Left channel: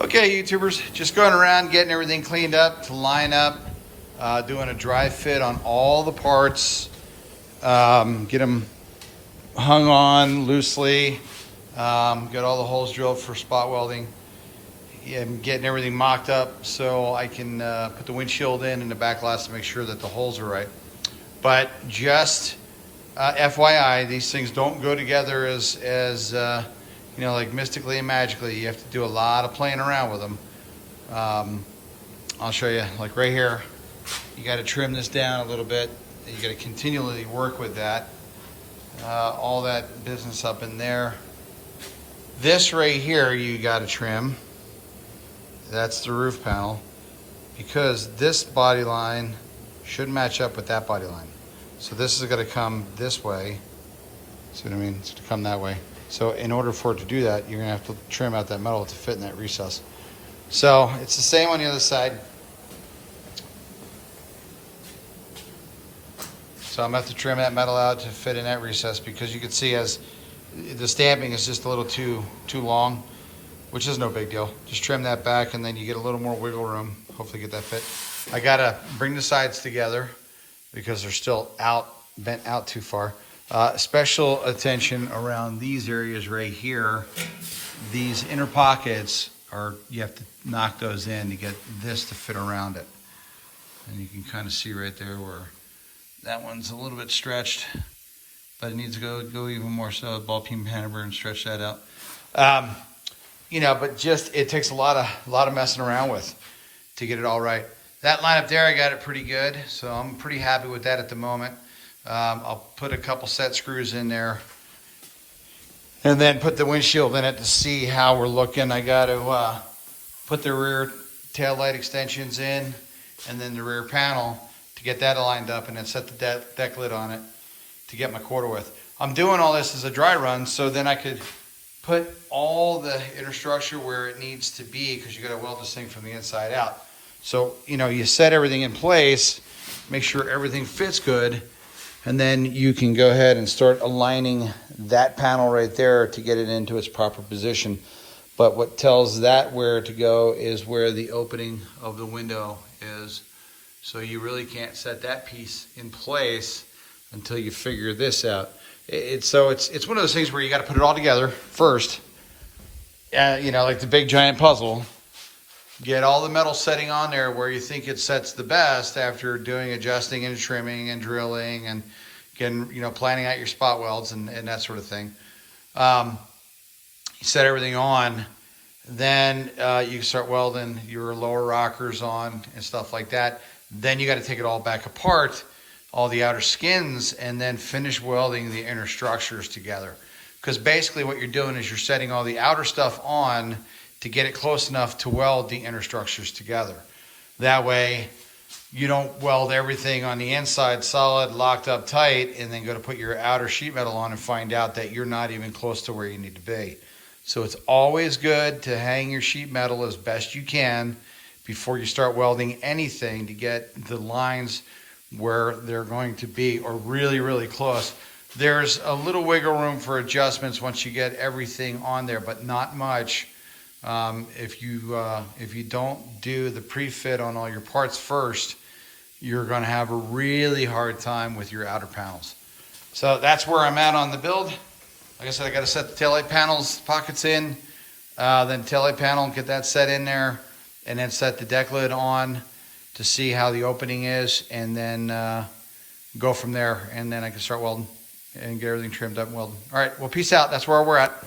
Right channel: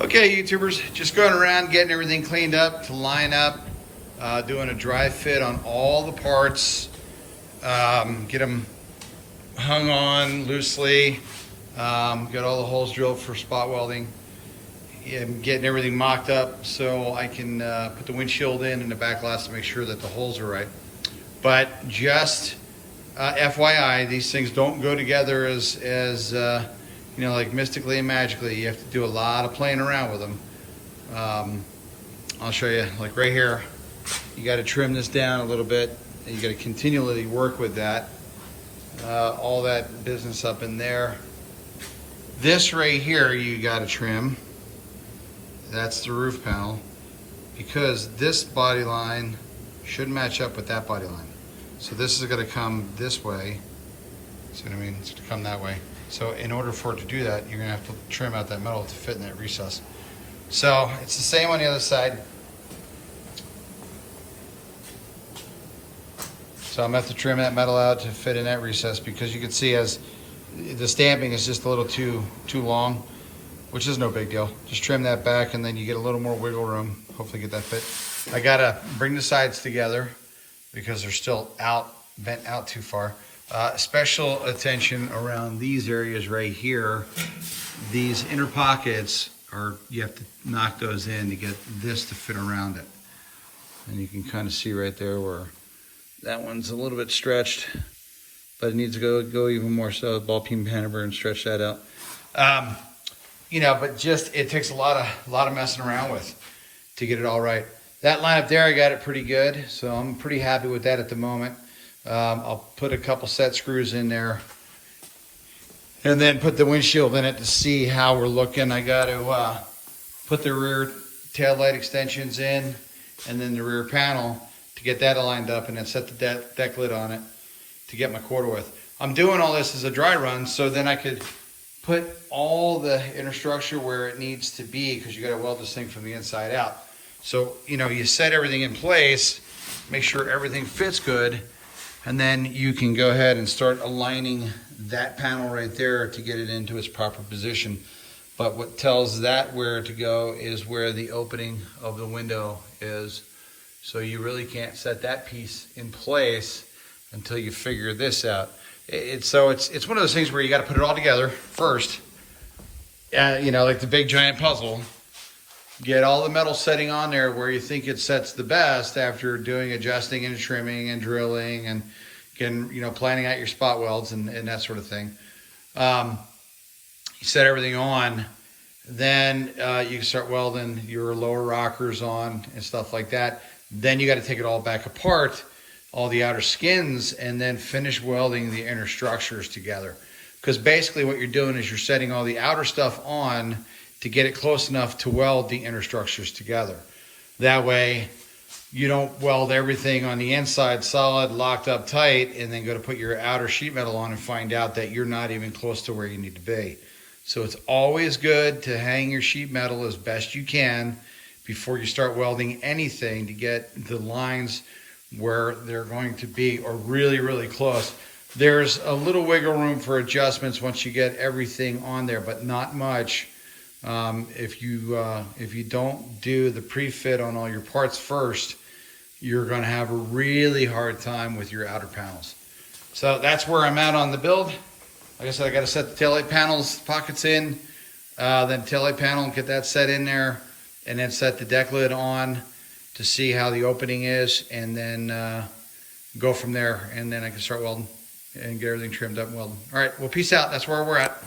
Okay, YouTubers, just going around getting everything cleaned up to line up, doing a dry fit on all the parts, get them hung on loosely, get all the holes drilled for spot welding, and getting everything mocked up so I can put the windshield in and the back glass to make sure that the holes are right. But just FYI, these things don't go together as you know, like mystically and magically. You have to do a lot of playing around with them. I'll show you, like right here, you got to trim this down a little bit. And you got to continually work with that. All that business up in there. This right here, you got to trim. That's the roof panel, because this body line should match up with that body line. So this is going to come this way. See what I mean? It's going to come that way. So in order for it to do that, you're going to have to trim out that metal to fit in that recess. So it's the same on the other side. So I'm going to have to trim that metal out to fit in that recess, because you can see as the stamping is just a little too long, which is no big deal. Just trim that back and then you get a little more wiggle room. Hopefully get that fit. I got to bring the sides together because they're still bent out too far. Special attention around these areas right here. These inner pockets you have to knock those in to get this to fit around it. And you can kind of see right there where that one's a little bit stretched, but it needs to go even more so. Ball peen hammer and stretch that out. You know, but just, it takes a lot of messing around with to get it all right. That line up there, I got it pretty good. So I'm pretty happy with that at the moment. I'll put a couple set screws in there and then put the windshield in it to see how we're looking. I got to put the rear tail light extensions in and then the rear panel to get that lined up, and then set the deck lid on it to get my quarter width. I'm doing all this as a dry run so then I could put all the inner structure where it needs to be, because you got to weld this thing from the inside out. So, you know, you set everything in place, make sure everything fits good, and then you can go ahead and start aligning that panel right there to get it into its proper position. But what tells that where to go is where the opening of the window is. So you really can't set that piece in place until you figure this out. It's one of those things where you got to put it all together first. You know, like the big giant puzzle. Get all the metal setting on there where you think it sets the best after doing adjusting and trimming and drilling and again, you know, planning out your spot welds and that sort of thing. You set everything on, then you can start welding your lower rockers on and stuff like that. Then you got to take it all back apart, all the outer skins, and then finish welding the inner structures together. Because basically what you're doing is you're setting all the outer stuff on to get it close enough to weld the inner structures together. That way you don't weld everything on the inside solid, locked up tight, and then go to put your outer sheet metal on and find out that you're not even close to where you need to be. So it's always good to hang your sheet metal as best you can before you start welding anything, to get the lines where they're going to be, or really, really close. There's a little wiggle room for adjustments once you get everything on there, but not much. If you don't do the pre-fit on all your parts first, you're going to have a really hard time with your outer panels. So that's where I'm at on the build. Like I said, I got to set the taillight panels pockets in, then taillight panel, get that set in there, and then set the deck lid on to see how the opening is, and then go from there, and then I can start welding and get everything trimmed up and welding. All right, well, peace out. That's where we're at.